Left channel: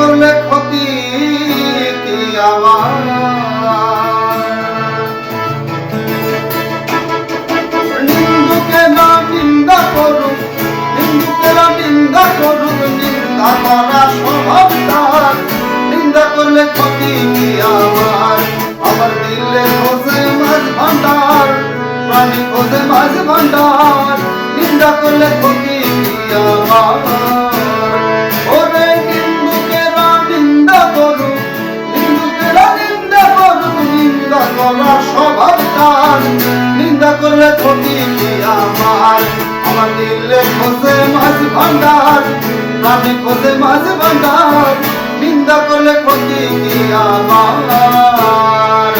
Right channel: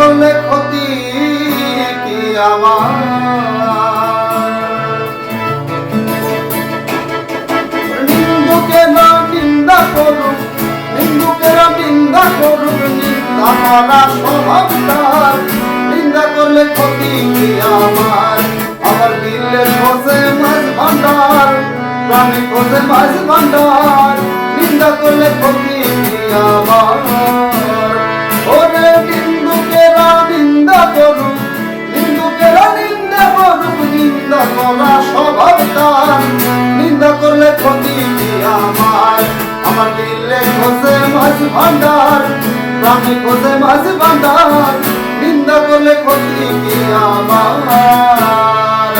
করলে ক্ষতি কি আমার? নিন্দুকে না নিন্দা করুক, নিন্দুকেরা নিন্দা করুক, নিন্দা করা স্বভাবটার, নিন্দা করলে ক্ষতি কি আমার? আমার দিলে খোঁজে মাঝ ভান্ডার, প্রাণী খোঁজে মাঝ ভান্ডার, নিন্দা করলে ক্ষতি কি আমার? ওরে নিন্দুকেরা নিন্দা করুক, নিন্দুকেরা নিন্দা করুক, নিন্দা করা স্বভাবটার, নিন্দা করলে ক্ষতি কি আমার? আমার দিলে খোঁজে মাঝ ভান্ডার, প্রাণী খোঁজে মাঝ ভান্ডার, নিন্দা করলে ক্ষতি কি আমার?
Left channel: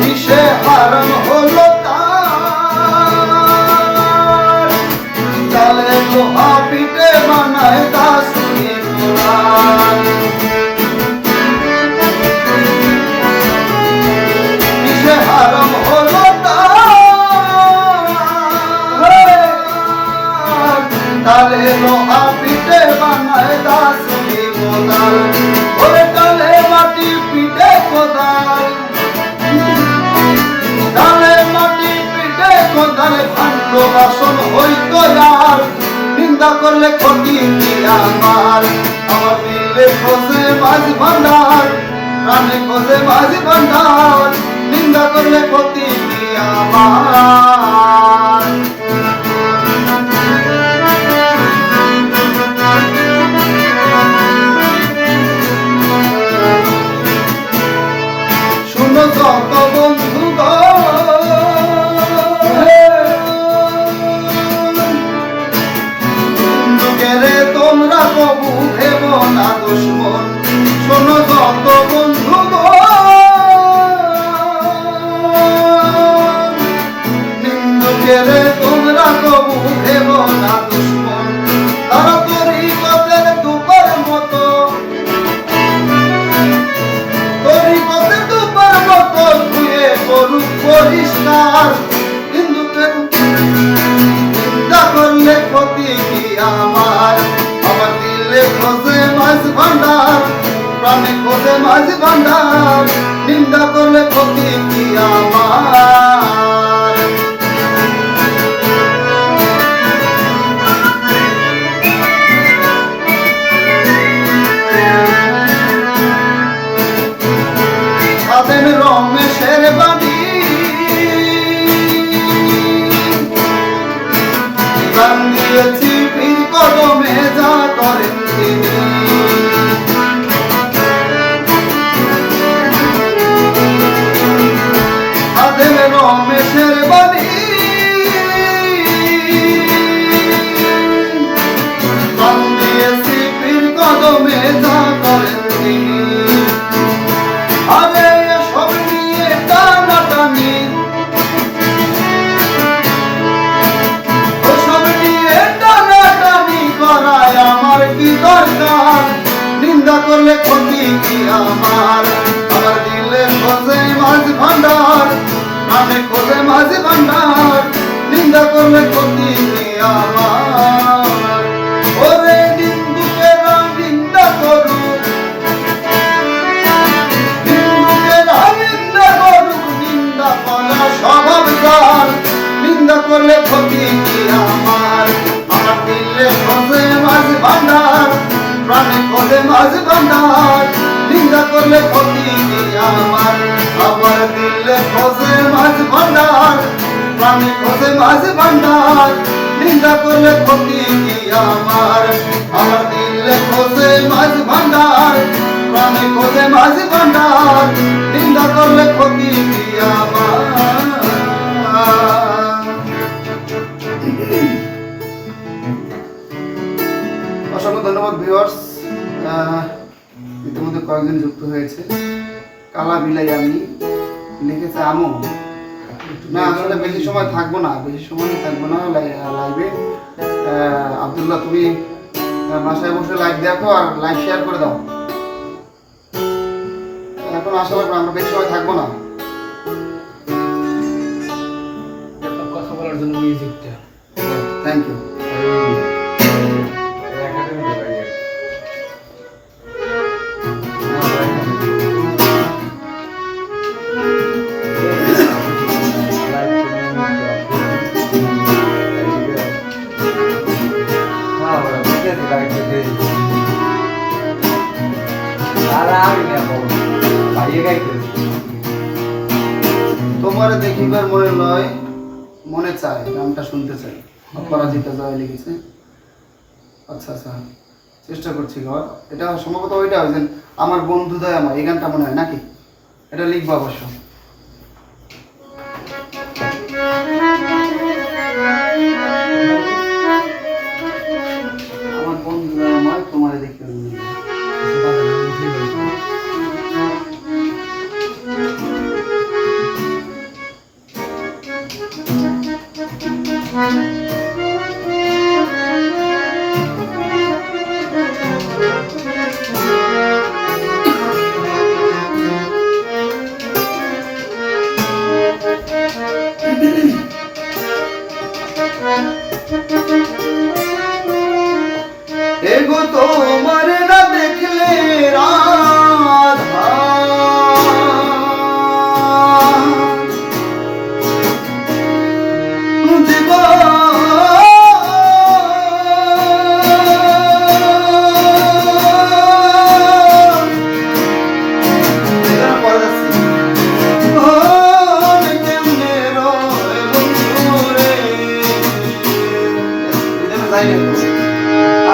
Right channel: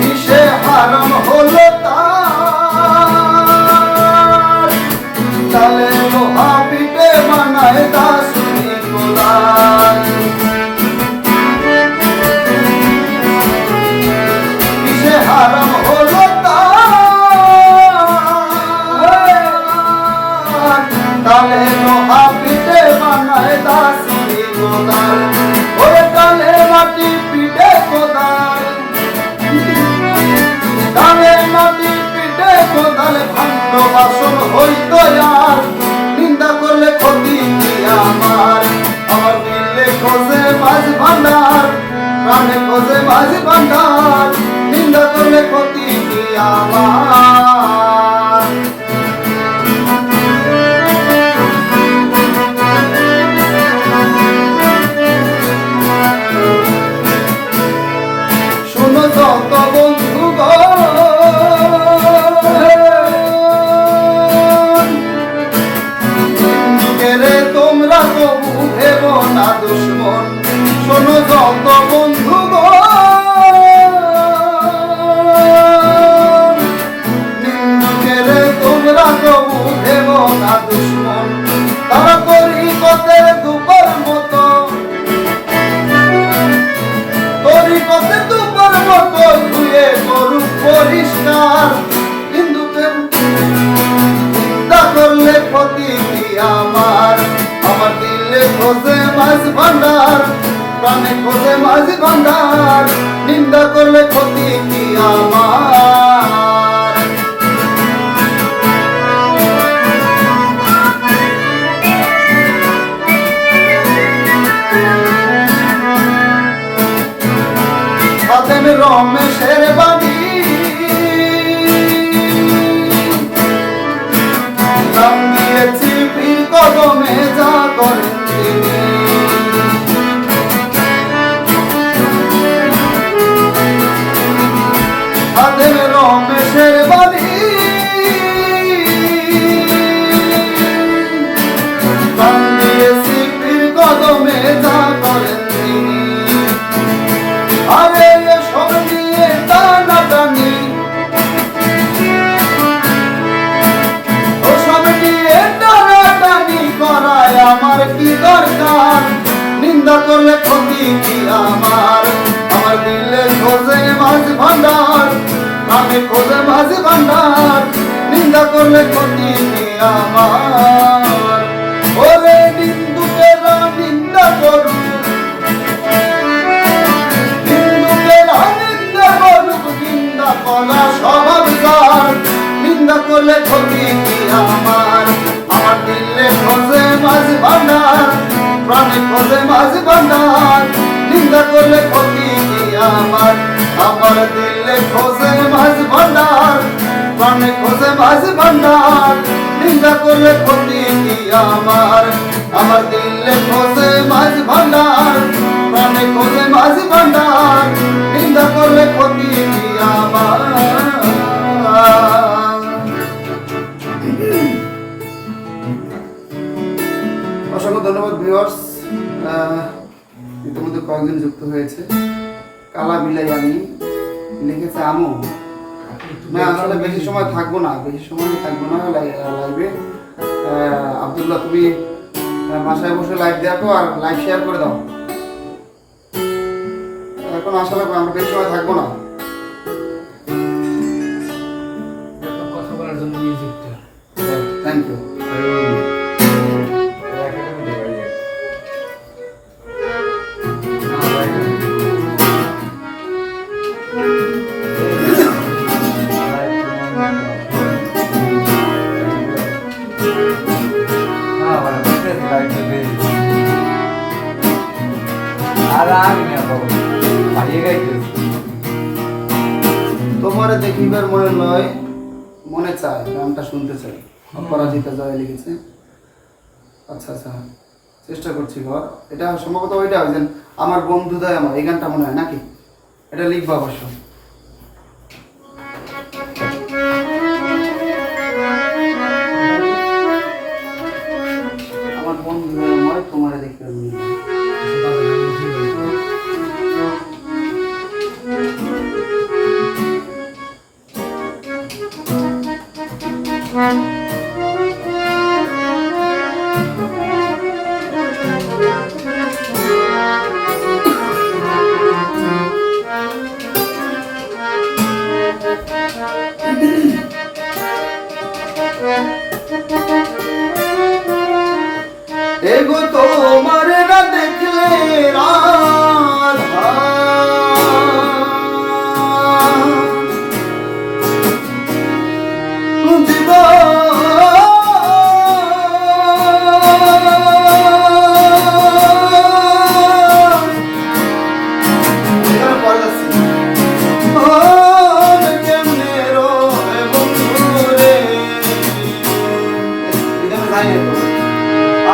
কিসে হারাম হলো তার, তালে লোহা পিঠে বানায় দাসুনি গোলাম। কিসে হারাম হলো তালে লোহা পিঠে বানায় দাসুনি গোলাম। ওরে তালে মাটি পিঠে কোদাল, তালে মাটি পিঠে কোদাল, ভাণ্ড বাসন হইতো আর, নিন্দা করলে ক্ষতি কি আমার? আমার দিলে খোঁজে মাঝ ভান্ডার, প্রাণে খোঁজে মাঝ ভান্ডার, নিন্দা করলে ক্ষতি কি আমার? শুনো যত বন্ধুগণ, কেরে তোমরা কবু ভেব না দুশ্মন। শোনো যত বন্ধুগণ, নিন্দুকেরে তোমরা কবু ভেব না দুশ্মন। তারা তরিকতের দুবার মতো, তরিকতের দুবার মতো ধুয়ে করুক পরিষ্কার, হিন্দুদের নিন্দা করলে ক্ষতি কি আমার? আমার দিলে খোঁজে মাঝ ভান্ডার, প্রাণে খোঁজে মাঝ ভান্ডার, নিন্দা করলে ক্ষতি কি আমার? খাদেম রমেশের বাড়ি গান দিয়েছি পীর কদমে, যা করেন তিনি। খাদেম রমেশের বাড়ি গান দিয়েছি পীর কদমে, যা করেন তিনি। আরে সব নিয়ে টানাটানি, সব নিয়ে টানাটানি করায় আমার কি দরকার? নিন্দা করলে ক্ষতি কি আমার? আমার দিলে খোঁজে মাঝ ভান্ডার, আমি খোঁজে মাঝ ভান্ডার, নিন্দা করলে ক্ষতি কি আমার? ওরে নিন্দুকেরা নিন্দা করুক, নিন্দা করুক, নিন্দা করা স্বভাবটার, নিন্দা করলে ক্ষতি কি আমার? আমার দিলে খোঁজে মাঝ ভান্ডার, প্রাণী খোঁজে মাঝ ভান্ডার, নিন্দা করলে ক্ষতি কি আমার? আমার দিলে খোঁজে মাঝ ভান্ডার, প্রাণী খোঁজে মাঝ ভান্ডার, নিন্দা করলে ক্ষতি কি আমার? আমার দিলে খোঁজে মাঝ ভান্ডার, প্রাণে খোঁজে মাঝ ভান্ডার, নিন্দা করলে ক্ষতি কি আমার? অসংখ্য ধন্যবাদ ভিউয়ার্স, ইতিমধ্যে কয়েকজন যুক্ত হয়েছে। কালা বিলাই আমি লিখেছে আমু। না আসলে বেশি সময় থাকবো না, লাইভে। আব্দুল্লাহ তুমি বাসায় বসে লাইভ দেখো আর লাইভ শেয়ার করে দাও। এখন আসলে আমরা বেশি সময় থাকবো না। দেখিবার মনে লয় মনে চায়, গানটা শুনতে চাই। অপরাজিতা জয় লিখেছে। আচ্ছা আচ্ছা, চেষ্টা করছি ঘর। এটা সম্ভবত ওইটা ওই যে আমার বন্ধুদয় আমার, এই গানটা মনে হয় নাকি? এটা লিখবো অবশ্য। আমার বন্ধুদয় আমার, তোমার দেখি এগো তোমার না দেখলে রাধা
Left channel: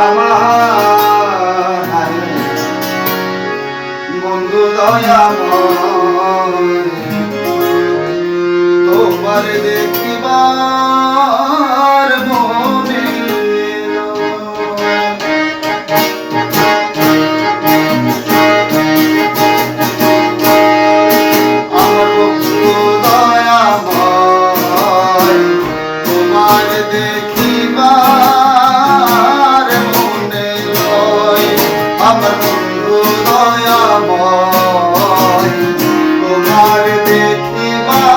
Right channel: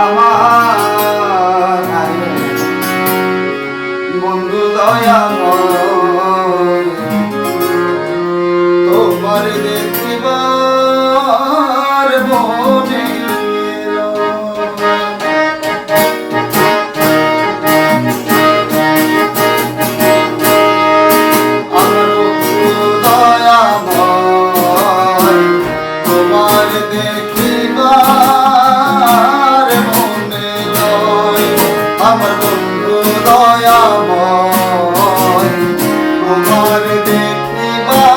আমার বন্ধু দয়াময়, তোমার দেখিবার মনে আমার বন্ধু দয়াময়, তোমার দেখিবার মনে লয়। আমার বন্ধু দয়াময়, তোমার দেখিবার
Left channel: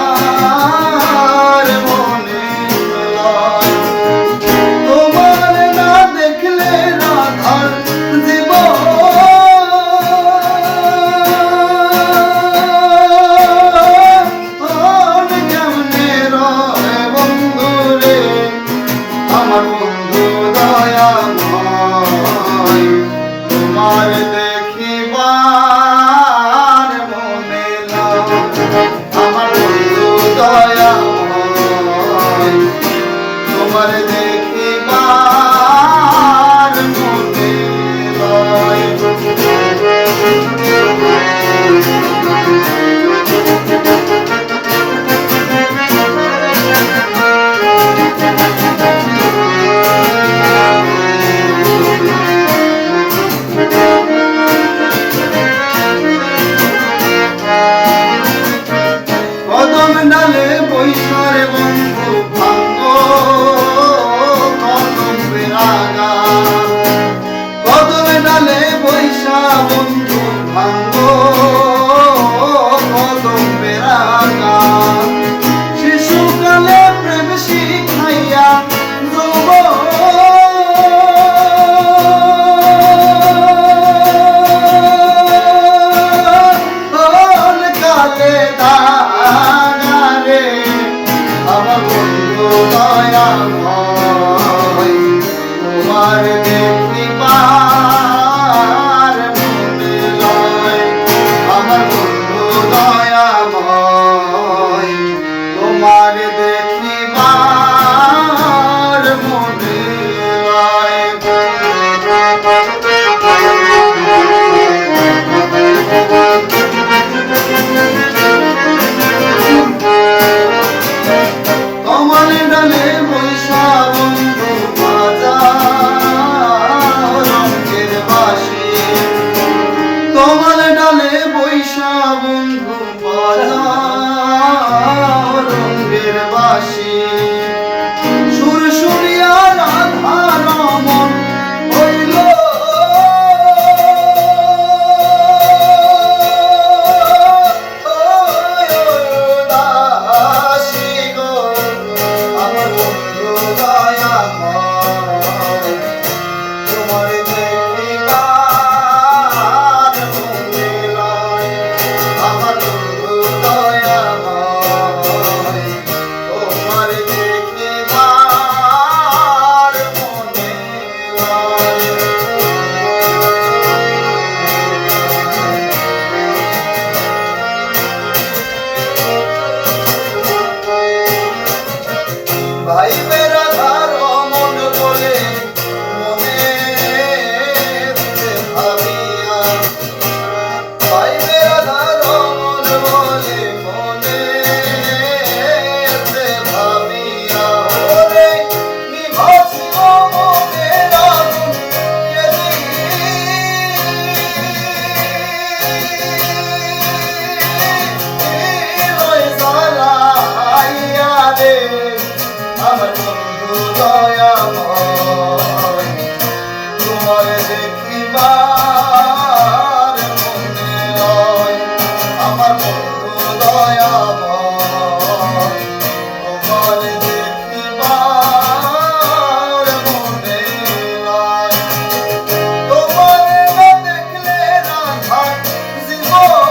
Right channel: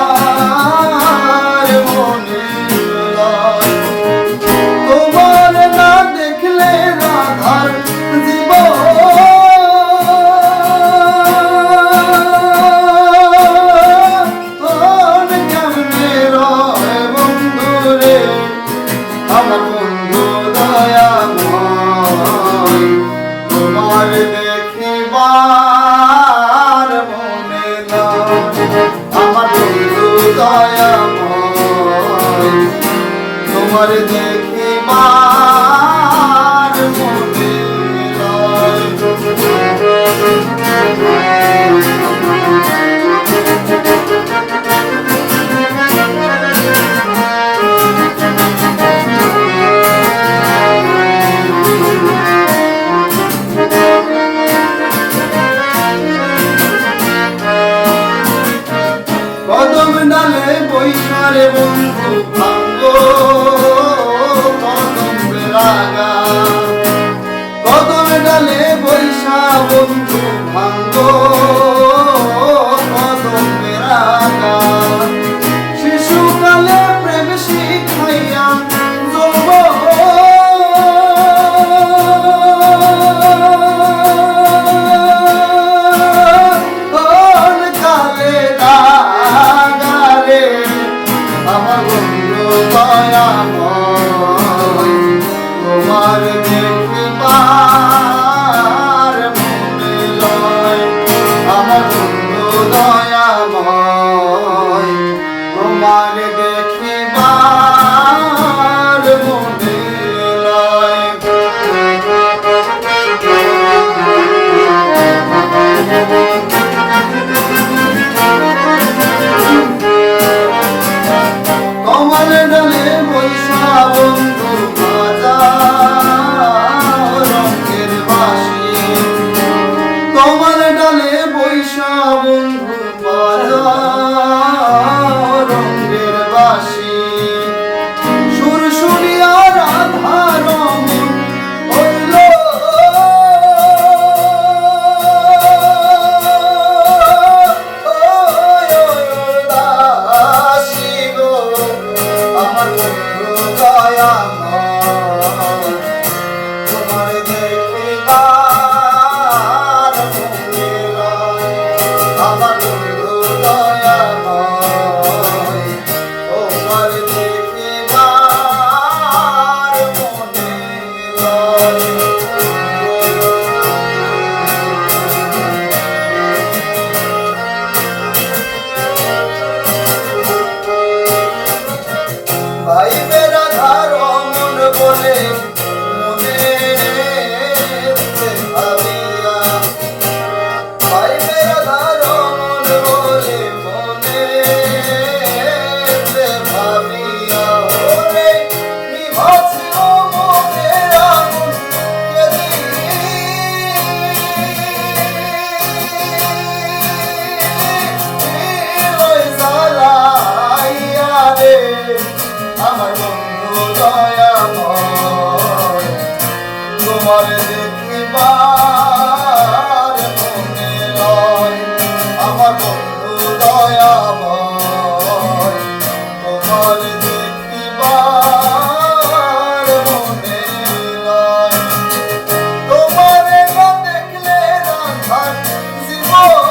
মনে লয়। তোমার না দেখলে রাধার জীবন কেমনে রয় বন্ধু রে। আমার বন্ধু দয়াময়, তোমার দেখিবার মনে লয়। আমার বন্ধু দয়াময়, তোমার দেখিবার মনে লয়। কদম ডালে বৈশারে বন্ধু ভাঙ্গো কদম বেরাগা, কদম ডালে বৈশা বন্ধু ভাঙ্গো কদম বেরাগা। শিশুকালে প্রেম শিখাইয়া কালে দাগারে। আমার বন্ধু দয়াময়, তোমার দেখিবার মনে লয়। আমার বন্ধু দয়াময়, তোমার দেখিবার মনে লয়। কমল ডালে বৈশা বন্ধু বাজা রঙের বাঁশি, কমল ডালে বৈশা বন্ধু বাজা রঙের বাঁশি। সুর শুনিয়া রাধা রমন হইল দাসী গো। আমার বন্ধু দয়াময়, তোমার দেখিবার মনে লয়। আমার বন্ধু দয়াময়, তোমার ভাই বেড়াধার মন বলে মনে ভাবিয়া, ভাই বেড়াধার মন বলে মনে ভাবিয়া, ওরে নিভাছিল মনের আগুন আমার বন্ধু দয়াময়, তোমার দেখিবার মনে লয়। আমার বন্ধু দয়াময়, তোমার দেখিবার মনে লয়। তোমার না দেখলে না থাক জীবন,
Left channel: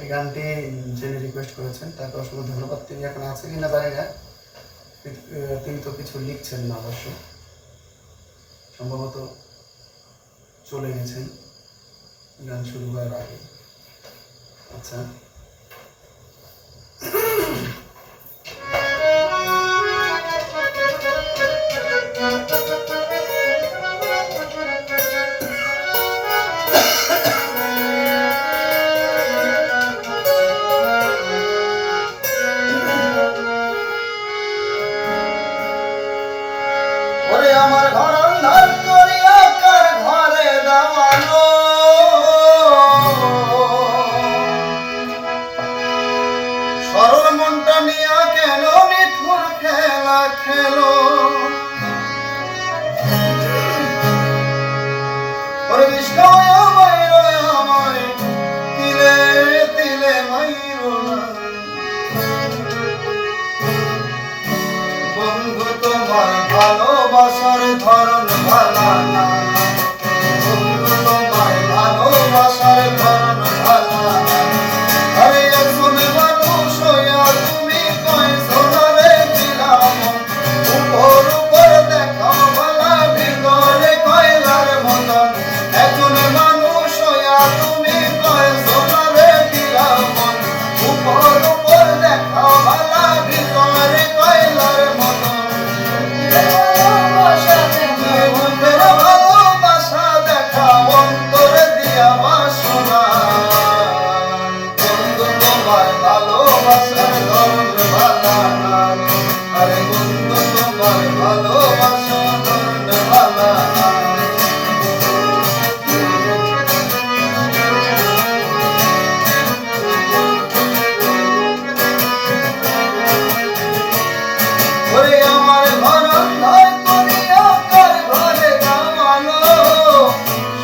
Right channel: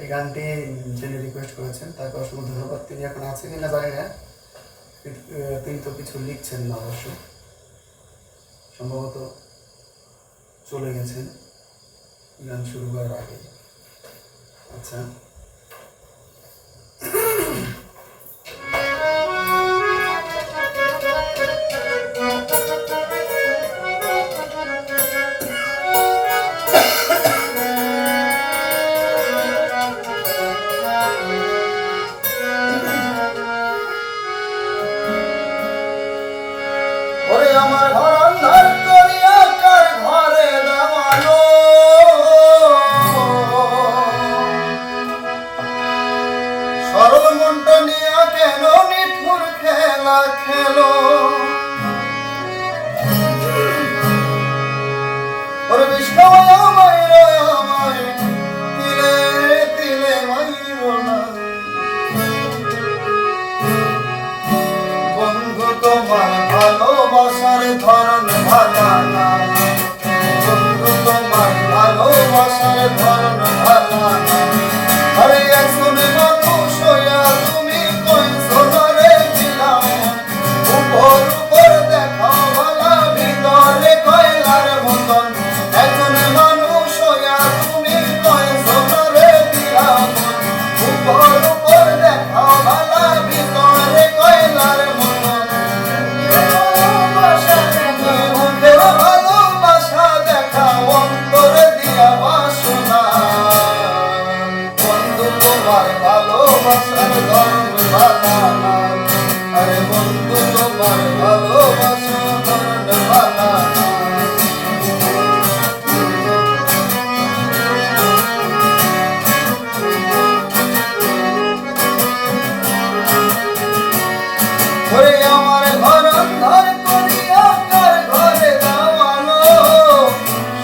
এই গানটি যিনি রিকোয়েস্ট করেছেন তাকে অসংখ্য ধন্যবাদ। তিনি এখন আছে কিনা জানি না, তিনি তো কিছু লিখছেন না, অবশ্য সম্ভবত চলে গেছেন গান শুরু হওয়ার আগে। আচ্ছা, আমার ঘর অন্ধার করিয়া কার ঘরে দেওয়ানো, সরল মনটা নিয়া কেন নিঠুর খেলা খেলো, ওরে বিষ্ণয় আমায় তিলে তিলে মাইরো না, বন্ধু তোমার ভালোবাসার ধরন ভালা না, বন্ধু তোমার ভালোবাসার ধরন ভালা না। আরে একজন মানুষ হইয়া তুমি কইছো না রে দিলাম, উপর উপর দেখাও ভালা ভিতরে কয়লার মতন। একজন মানুষ হইয়া তুমি কইছো না রে দিলাম, উপর উপর দেখাও ভালা ভিতরে কয়লার মতন। ভালোবাসা দেখা অন্তরে দিয়া বাসনা, বন্ধু তোমার ভালোবাসার ধরন ভালা না, আরে বন্ধু তোমার ভালোবাসার ধরন ভালা না। আমার ঘর অন্ধার করিয়া কার ঘরে দেওয়ানো,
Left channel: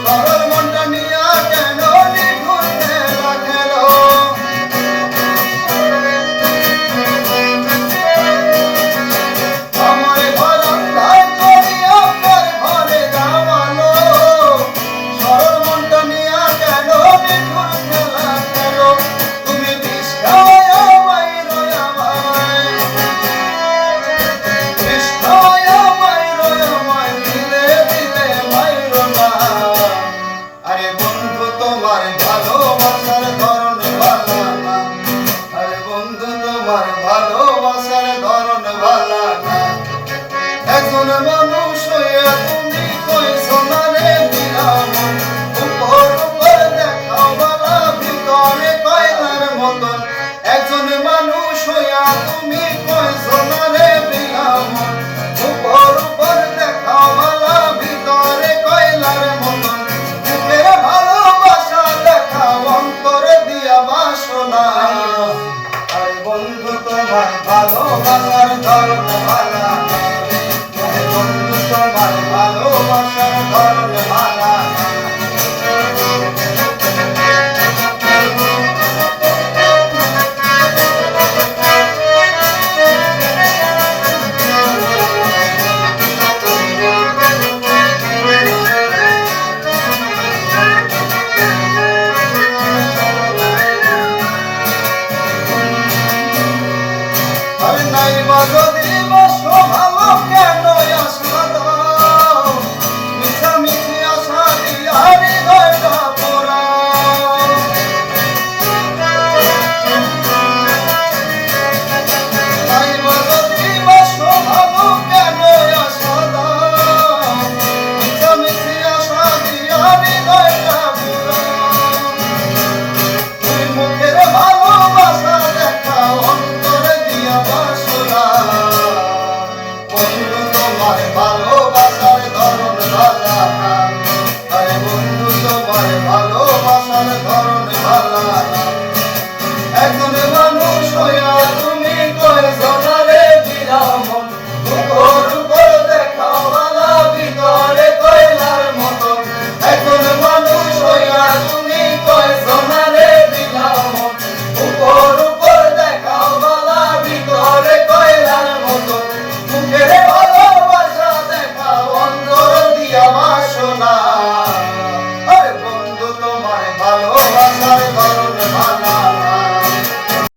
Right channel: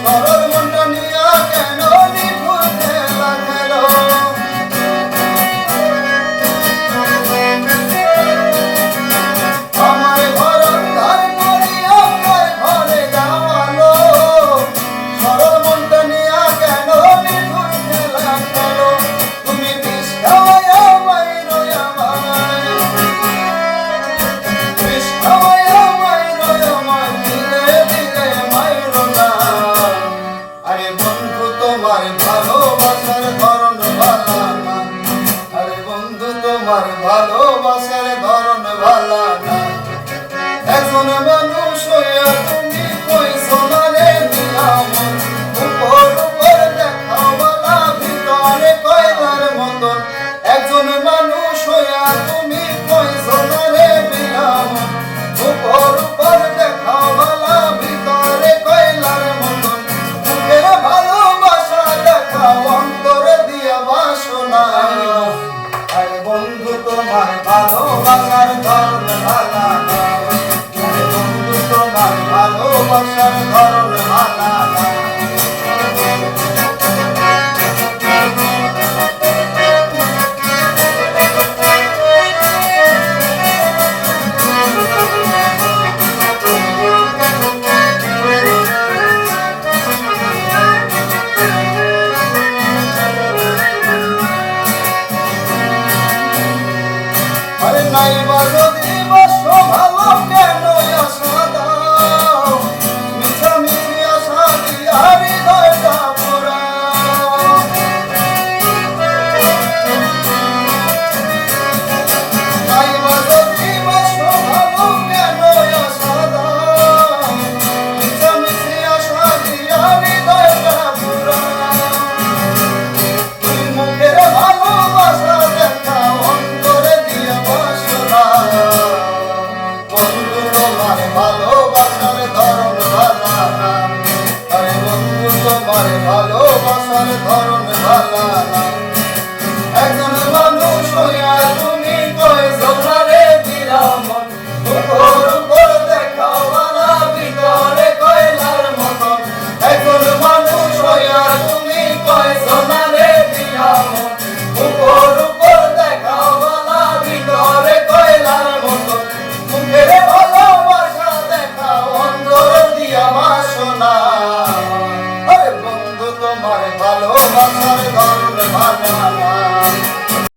সরল মনটা নিয়া কেন নিঠুর খেলা খেলো, আমার ঘর অন্ধার করিয়া কার ঘরে দেওয়ানো, সরল মনটা নিয়া কেন নিঠুর খেলা খেলো। তুমি বিষ খাওয়াইয়া মাইরো আমায়, আরে বন্ধু তোমার ভালোবাসার ধরন ভালা না, আরে বন্ধু তোমার ভালোবাসার ধরন ভালা না। একজন মানুষ হইয়া তুমি কইছো না রে দিলাম, উপর উপর দেখাও ভালা ভিতরে কয়লার মতন। একজন মানুষ হইয়া তুমি কইছো না রে দিলাম, উপর উপর দেখাও ভালা ভিতরে কয়লার মতন। ভালোবাসা দেখা অন্তরে দিয়া বাসনা, আরে বন্ধু তোমার ভালোবাসার ধরন ভালা না, আরে বন্ধু তোমার ভালোবাসার ধরন ভালা না, আরে বন্ধু তোমার ভালোবাসার ধরন ভালা না।